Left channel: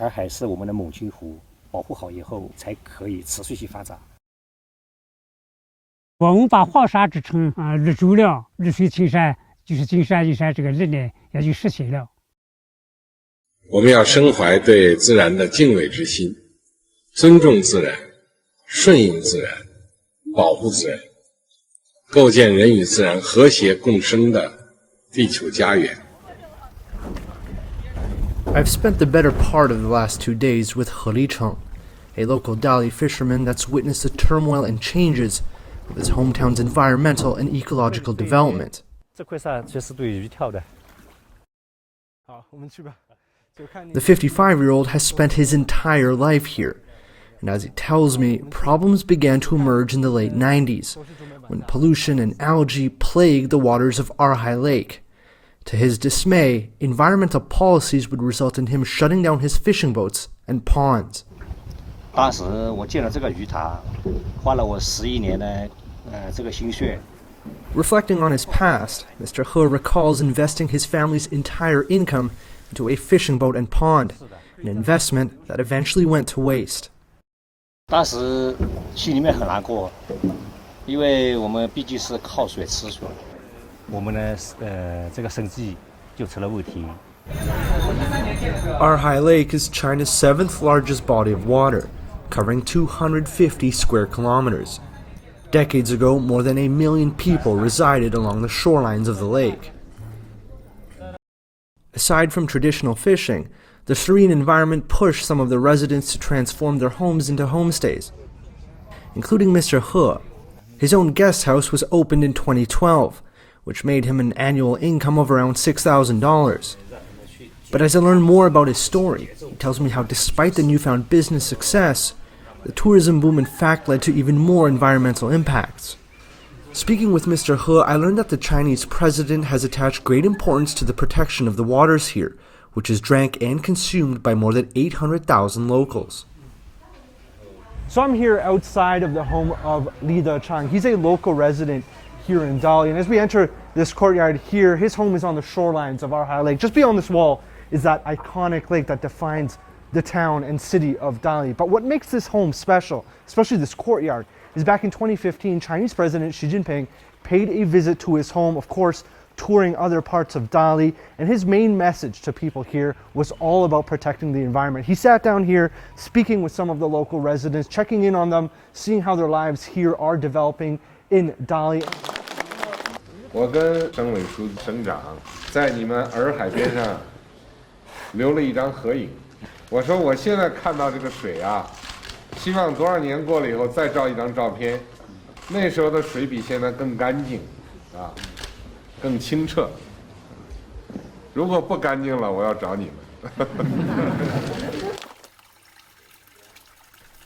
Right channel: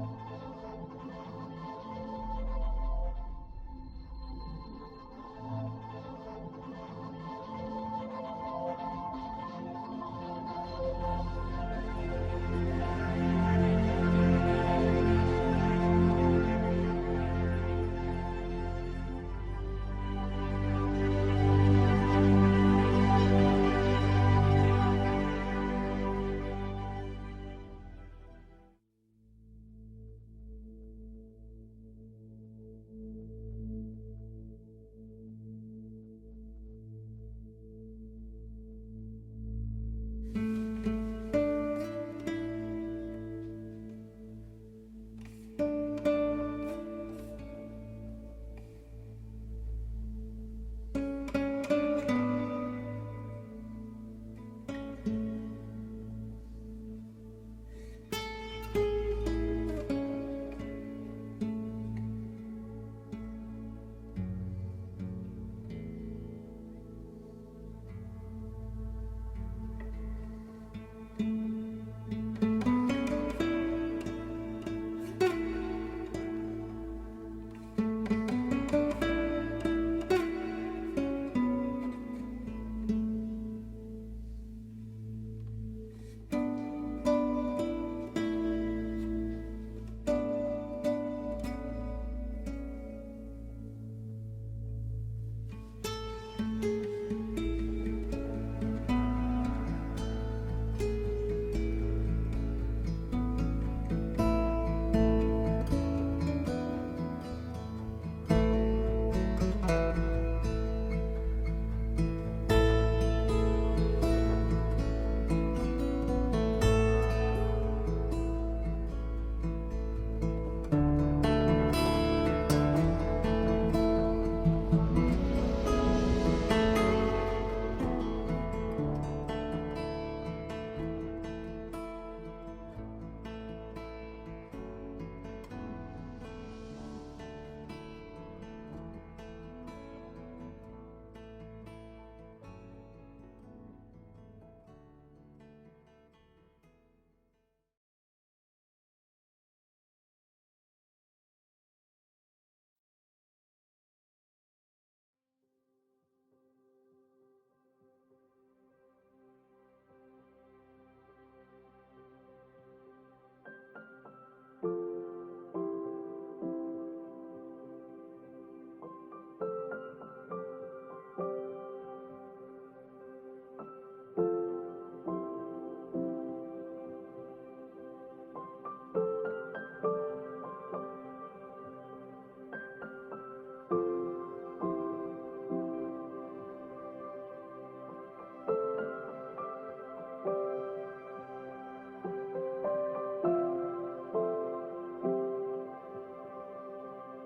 洱海是我们的母亲湖，保护好以后才可以持续去发展。我们把黄沙之城日久了，日水青山，就是金山银山这个人呢也就实现了。我们要深怀对自然的敬畏之心，尊重自然，顺应自然，保护自然，构建人与自然和谐共生的地球家园。I've spent the better part of the last 2 days with He Licheng, a local Dali fisherman that's witnessed the turmoil and changes of his hometown's environmental and ecological development. 这块沙确实对鱼跳的。 The 55-year-old has spent his entire life here, and as he tells me, problems began to emerge in the late 90s, when pollution and algae plagued the waters of Erhai Lake. To his dismay, environmental policies would result in him shutting down his fishing boats and ponds. 当时我建了这个鱼塘，花了我11年的这个心血。 Reflecting on his past, Mr. He recalls investing his family's entire income into a fishing boat and pond, an investment that eventually went to waste. 当时心里面很难过，因为我们毕竟是靠水吃水，我们的这个生计就成了问题。 Erhai Lake is China's 7th largest body of water, covering 250 square kilometers. Decades ago, more than 1 million people resided along the shorelines of the lake. Aside from traditional fishing, the serene environment pushed some of the residents to transform their homes into homestays, including Mr. He. His own guest house was opened in 2012, which made him an annual income of around $6,000. But as I learn more about his story, he tells me how despite the newfound business success, the tourism boom in fact led to even more environmental impacts. Speaking with Mr. He, I learned that the Chinese president has attached great importance to the protection of the waters here, which is drank and consumed by more than 800,000 locals. So I'm here outside of the home of Li Dechang. He's a local resident here in Dali. And as we enter this courtyard here, his home is on the shorelines of Erhai Lake. Just beyond this wall is that iconic lake that defines the town and city of Dali. But what makes this home special, especially this courtyard, is back in 2015, Chinese President Xi Jinping paid a visit to his home, of course, touring other parts of Dali, and his main message to people here was all about protecting the environment. He sat down here speaking with some of the local residents, checking in on them, seeing how their lives here are developing in Dali. 我跟省委书记、省长在你们洱海边上留了一张合影。我说我现在看到这个水啊，希望多少年过了以后再照一张照片，那时候的水比现在更干净，啊，更清澈。如果不干净了，我要找你们。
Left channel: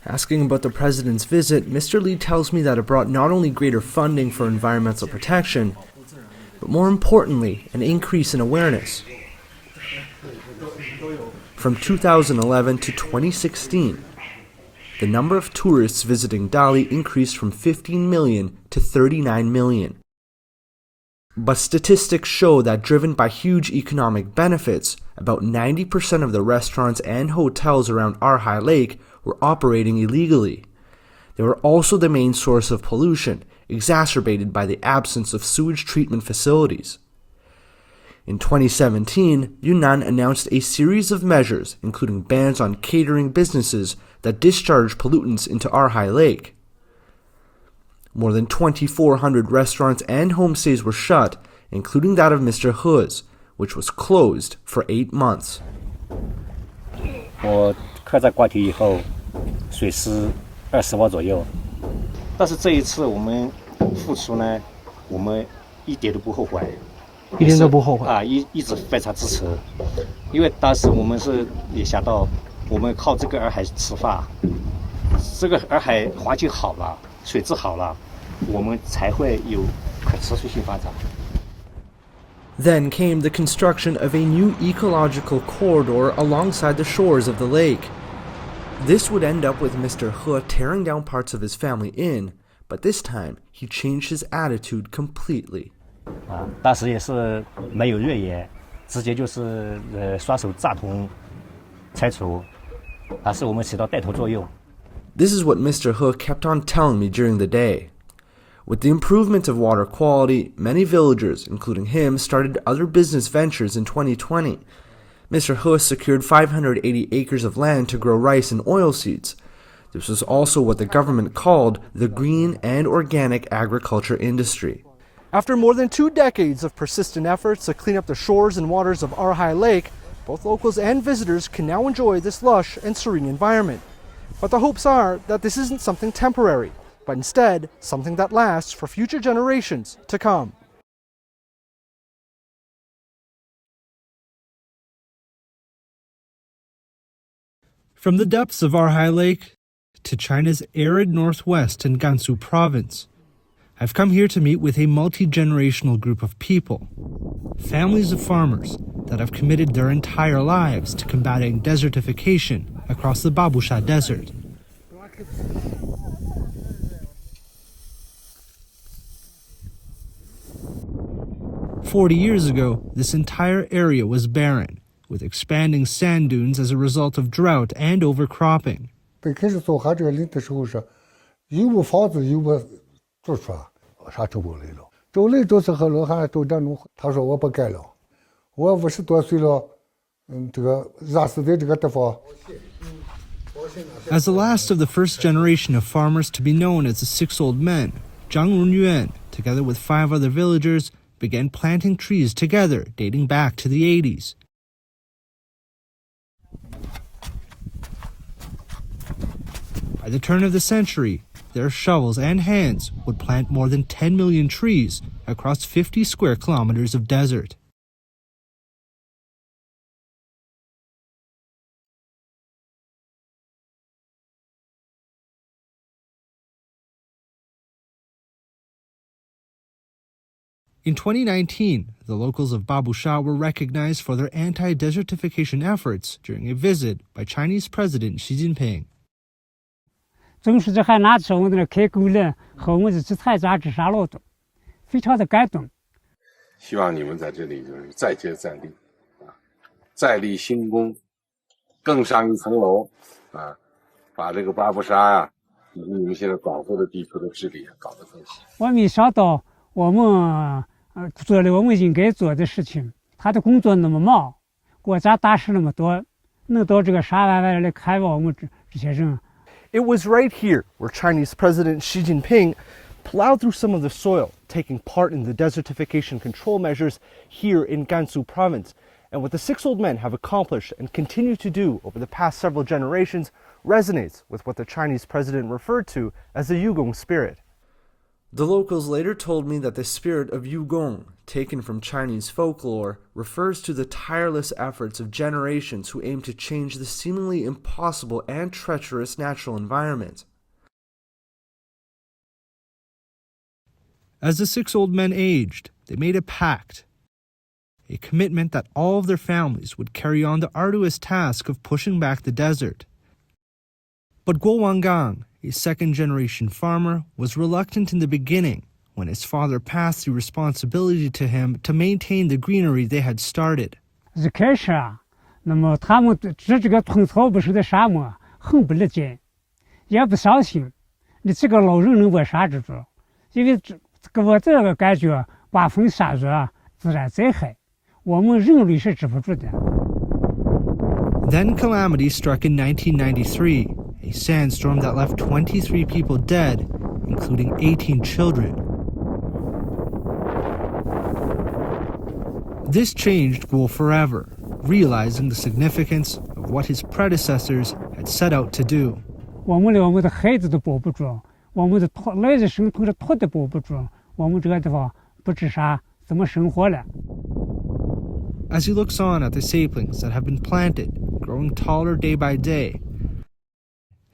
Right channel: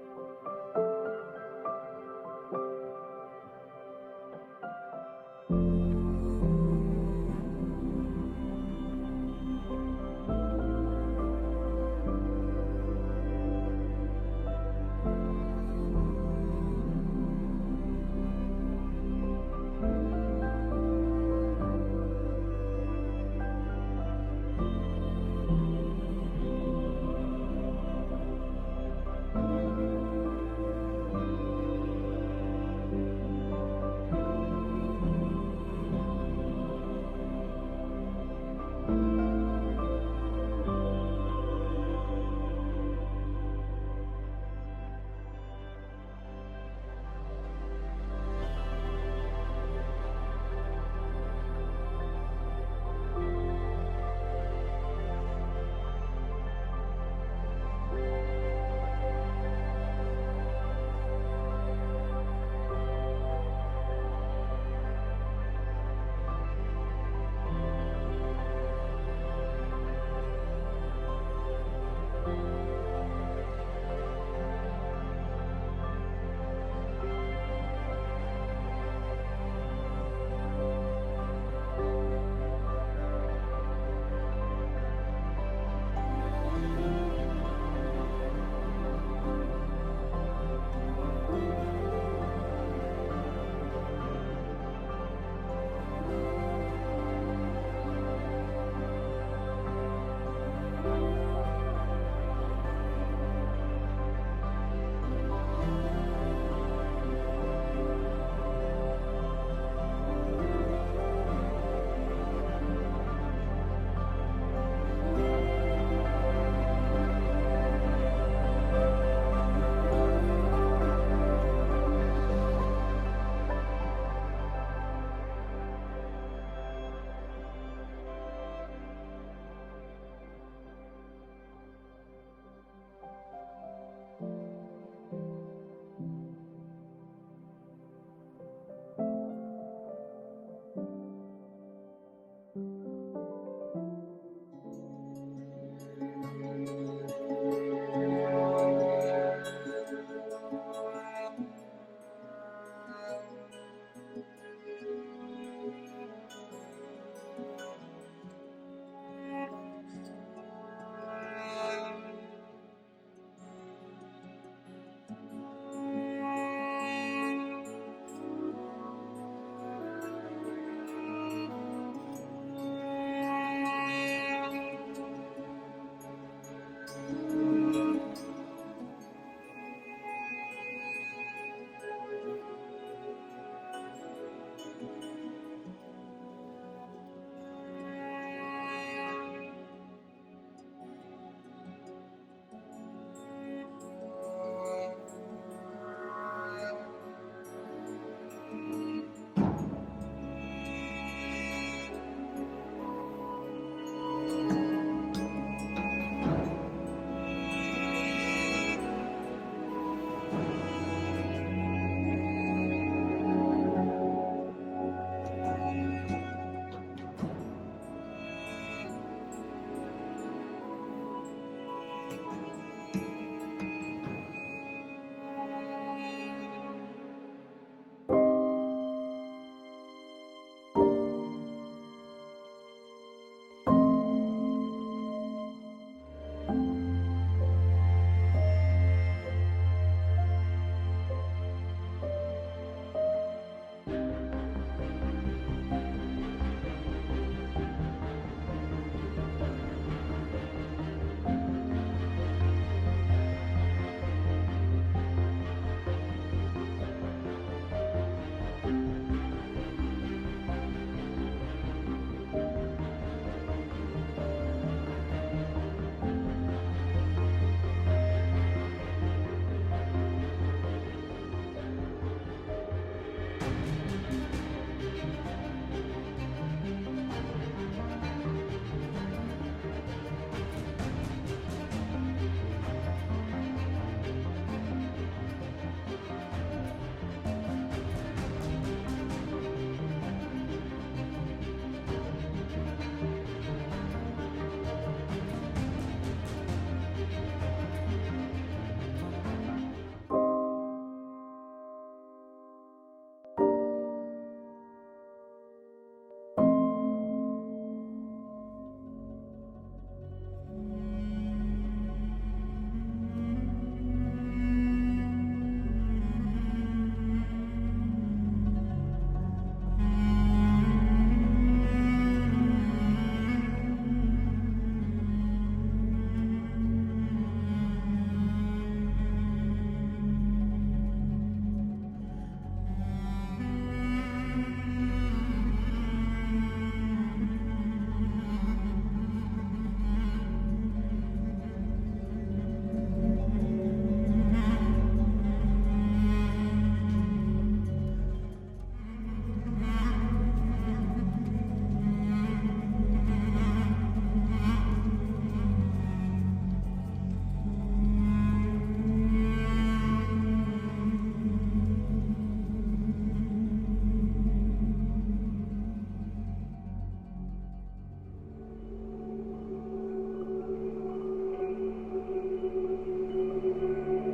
Asking about the president's visit, Mr. Li tells me that it brought not only greater funding for environmental protection, but more importantly, an increase in awareness. From 2011 to 2016, the number of tourists visiting Dali increased from 15 million to 39 million. But statistics show that driven by huge economic benefits, about 90% of the restaurants and hotels around Erhai Lake were operating illegally. They were also the main source of pollution, exacerbated by the absence of sewage treatment facilities. In 2017, Yunnan announced a series of measures, including bans on catering businesses that discharge pollutants into Erhai Lake. More than 2,400 restaurants and homestays were shut, including that of Mr. He's, which was closed for 8 months. 我开在挂堤以后，水是20瓦左右，但是这一次我们付出呢，我们一点都不后悔，一点都不后悔啊，一直非常支持，因为当时我们是也想到，我们靠这个洱海吃饭，这个洱海环境好了，水质好了，我们才会有可持续性发展。 Then came the construction of a new ecological corridor alongside the shores of the lake. This would end up with Mr. He tearing down parts of his family in, but this time he changed his attitude completely. 当时也是没有越野，直接就是双手扎通拆除，是我们起到带头作用。 This is what Mr. He kept on telling me during the day. With the improvement of water quality, many villagers, including him, started other business ventures in 2020. Mr. He secured 580 acres of land to grow rice and oilseeds. This was also what the government called the green and organic agriculture industry. After more than 2 decades of persistent efforts to clean up the shores and waters of Erhai Lake, both locals and visitors can now enjoy this lush and serene environment. But the hopes are that this isn't something temporary, but instead something that lasts for future generations to come. From the depths of Erhai Lake to China's arid northwest in Gansu province, I've come here to meet with a multi-generational group of people, families of farmers that have committed their entire lives to combating desertification across the Babusha Desert. "40 years ago, this entire area was barren, with expanding sand dunes as a result of drought and overcropping. 最开始做哈这个林的时候是，有个房子有个住处，啥都不来了。周来都是和老汉都这种，他说我不干了，我50多岁了，这个热死在这个地方。 As the last of the first generation of farmers to be known as the 6 old men, Zhang Runyuan, together with 5 other villagers, began planting trees together dating back to the 80s. By the turn of the century, their shovels and hands would plant more than 10 million trees across 50 square kilometers of desert. In 2019, the locals of Babusha were recognized for their anti-desertification efforts during a visit by Chinese President Xi Jinping. 总书记还拿出我们的开工人和我们的制裁杂志杀劳动，非常的感动。希望你们在这里再接再厉，再立新功，更上一层楼，把这个巴布沙呀，以及你们现在保护的地区的治理搞得很好。我没想到我们做了我们应该做的事情，他的工作那么忙，我咋打事那么多，能到这个沙湾湾来看望我们这些人。 It was right here where Chinese President Xi Jinping plowed through some of the soil, taking part in the desertification control measures here in Gansu province. And what the 6 old men have accomplished and continue to do over the past several generations resonates with what the Chinese president referred to as the Yugong spirit. The locals later told me that the spirit of Yugong, taken from Chinese folklore, refers to the tireless efforts of generations who aim to change the seemingly impossible and treacherous natural environment. As the 6 old men aged, they made a pact, a commitment that all of their families would carry on the arduous task of pushing back the desert. But Guo Wangang, a second-generation farmer, was reluctant in the beginning when his father passed the responsibility to him to maintain the greenery they had started. 一开始啊，那么他们这个寸草不生的沙漠很不理解，也不相信你这个老人能把啥治住，因为给我这个感觉，刮风下雨啊，自然灾害，我们人类是治不住的。 Then calamity struck in 1993. A sandstorm that left 23 people dead, including 18 children. This changed Guo forever, realizing the significance of what his predecessors had set out to do. 我们连我们的孩子都保不住，我们的来日生头的土地保不住，我们这个地方不知啥怎么生活了。 As he looks on at the saplings that have been planted, growing taller day by day,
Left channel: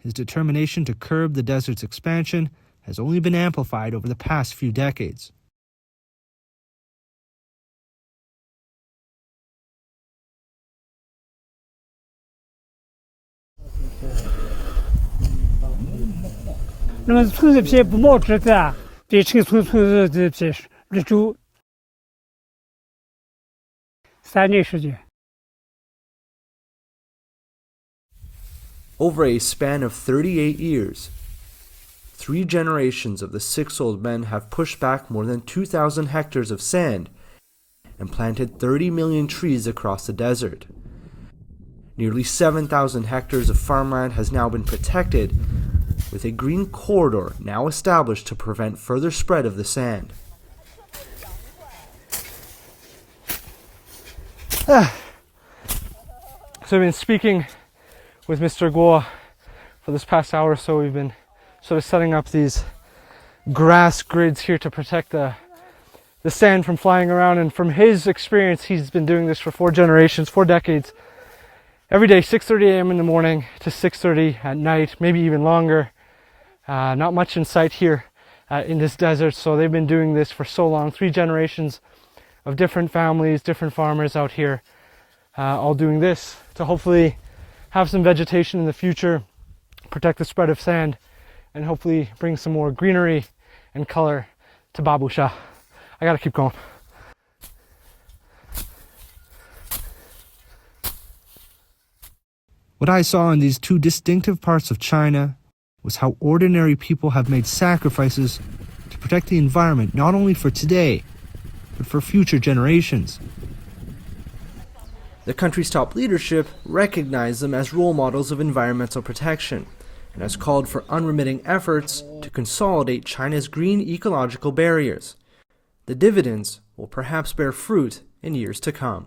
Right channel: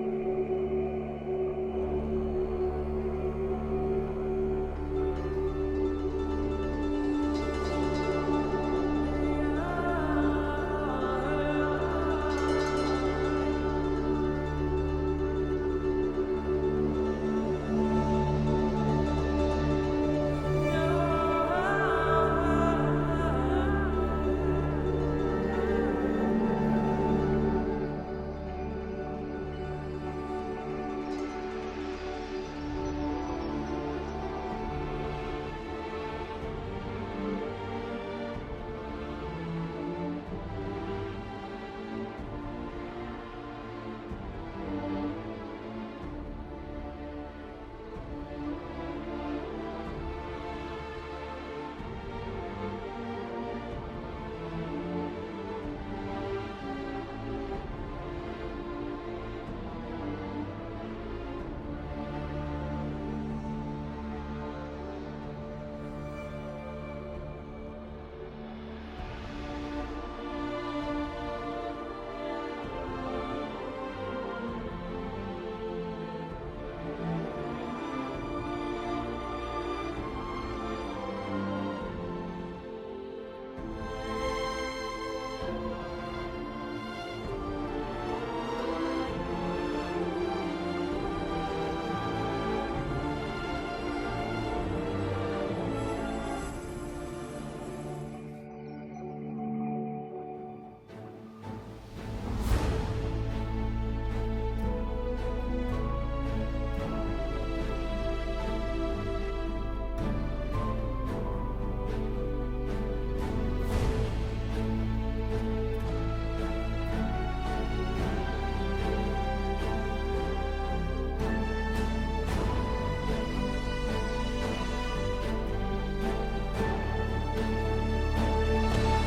his determination to curb the desert's expansion has only been amplified over the past few decades.那么村子皮不毛枝的，对成村子的皮日周3年时间。Over a span of 38 years, 3 generations of the 6 old men have pushed back more than 2,000 hectares of sand and planted 30 million trees across the desert. Nearly 7,000 hectares of farmland has now been protected, with a green corridor now established to prevent further spread of the sand. So I've been speaking with Mr. Guo for this past hour or so. We've been sort of setting up these grass grids here to protect the sand from flying around, and from his experience, he's been doing this for 4 generations, 4 decades. Every day, 6:30 a.m. in the morning to 6:30 at night, maybe even longer. Not much in sight here in this desert, so they've been doing this for so long. 3 generations of different families, different farmers out here, all doing this to hopefully have some vegetation in the future, protect the spread of sand, and hopefully bring some more greenery and color to Babusha. I gotta keep going. What I saw in these 2 distinctive parts of China was how ordinary people have made sacrifices to protect the environment, not only for today, but for future generations. The country's top leadership recognized them as role models of environmental protection and has called for unremitting efforts to consolidate China's green ecological barriers. The dividends will perhaps bear fruit in years to come.